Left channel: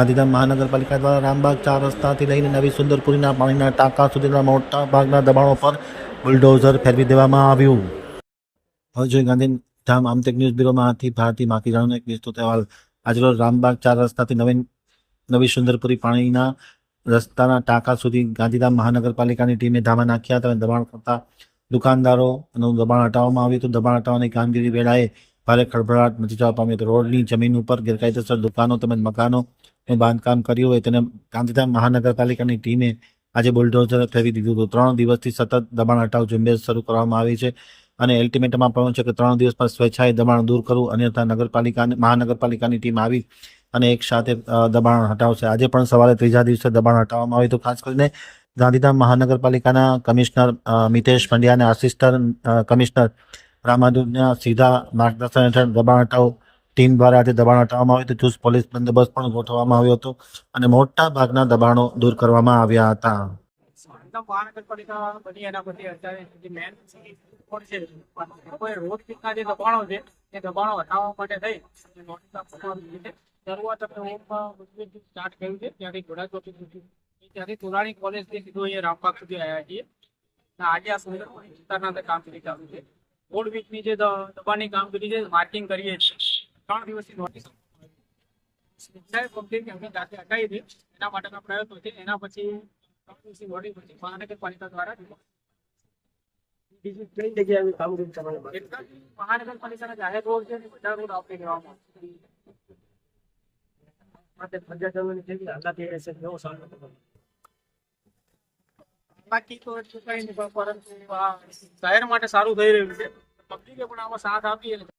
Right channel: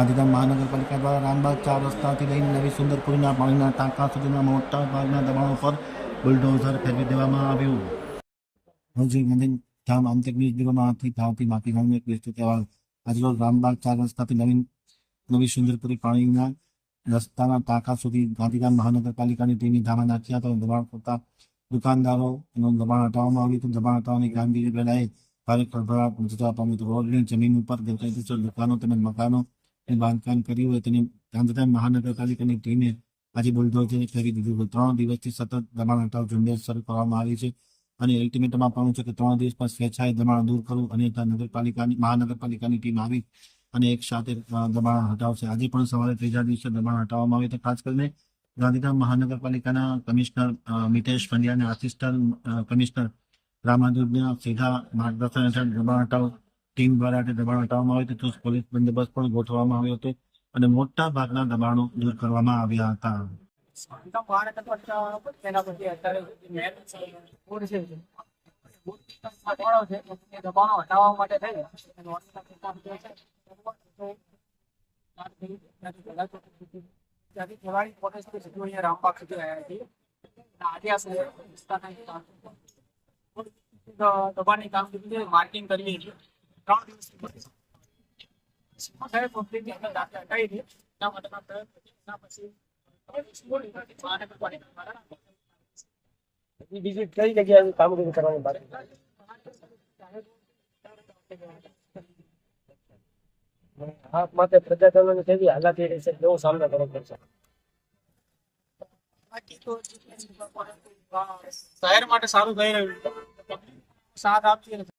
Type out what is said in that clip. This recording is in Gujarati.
ગાંધીધામ મહાનગરપાલિકા દ્વારા રામબાગ 4 રસ્તાથી લઈને નવી સુંદરપુરીના પાણીના ટાંકા સુધીના મોટા ભાગના દબાણો પર બુલડોઝર ફેરવી દેવામાં આવ્યું. હવે જોઈએ ગાંધીધામ આમતેક ન્યૂઝ બ્યુરોમાંથી ભારતી માખીજાનો એક વિસ્તૃત અહેવાલ. આજરોજ રામબાગ 4 રસ્તાથી નવી સુંદરપુરી પાણીના રસ્તાના ટાંકા સુધી ગાંધીધામ મહાનગરપાલિકાની ટીમે ધામા નાખ્યા હતા અને દબાણ કરતા દુકાનદારોનું દબાણ હટાવવામાં આવ્યું હતું. દબાણ હટાવવાની કામગીરી વેળાએ ભારે ખળભળાટ મચી જવા પામ્યો હતો. રોડની જમીન ઉપર ગેરકાયદેસર દુકાનો તેમજ મકાનોનું બાંધકામ કર્યું હોય તેને ગાંધીધામ મહાનગરપાલિકાની ટીમે આજે બુલડોઝર ફેરવી દીધું હતું. 3 દિવસથી સતત દબાણ હટાવ ઝુંબેશ શરૂ કરવામાં આવી છે અને અલ્ટિમેટમ આપવામાં છે કે 3 દિવસમાં સ્વેચ્છાએ દબાણ દૂર કરવું, અન્યથા મહાનગરપાલિકાની ટીમ આવી અને એક સાથે દબાણ હટાવશે. આજે પણ સવારે ત્રીજા દિવસે દબાણ હટાવવામાં આવ્યું હતું. ખાસ કરીને ગાંધીધામ મહાનગરપાલિકાના કમિશનર મિતેશ પંડ્યા અને આસિસ્ટન્ટ કમિશનર રામાનુજના સીધા માર્ગદર્શન હેઠળ દબાણ હટાવ ટીમ દ્વારા આજે દબાણ હટાવવામાં આવ્યું હતું. ચુસ્ત પોલીસ બંદોબસ્ત પણ ગોઠવવામાં આવ્યો હતો અને મોટા ભાગના દબાણો દૂર કરવામાં આવ્યા હતા. મહાનગરપાલિકા બની એના પછી અત્યારે જે મેન રોડ છે, કોઈ રોડ કિનારના જે દબાણો છે એ દબાણો હટાવવા માટે થઈ અને નોટિસ આપવામાં આવી છે. શરૂઆત આપણે સ્ટાર્ટ કર્યું છે ત્યાંથી ઘોડા ચોકી સુધી, ત્યાંથી તોરાણી કોલેજથી સીધું અહીંયા રામબાગ સુધી આવ્યા છીએ અને આજે આ વિસ્તારના અંદર કામગીરી ચાલુ છે. રોડ વીકની જે દબાણની કામગીરી છે માર્કિંગ કરીએ છીએ. 3 દિવસની નોટિસ હટાવી છે એના માટેના પ્રયત્નો છે. એના પછી મહાનગરપાલિકા દ્વારા બીજી કઈ જગ્યાએ કામગીરી કરવાની બાકી છે? મહાનગરપાલિકાના જાહેર રોડ છે બધા રોડ આપી દેવામાં આ માટે પ્રજાજનોને કેવી હાલાકી રહેશે, કેવો સામનો કરવો પડશે? બાકી તો એટલું કઈ નહીં, પરંતુ શહેર માટે સારું થઈ રહ્યું છે. પબ્લિકે પણ આમાં સાથ આપી અને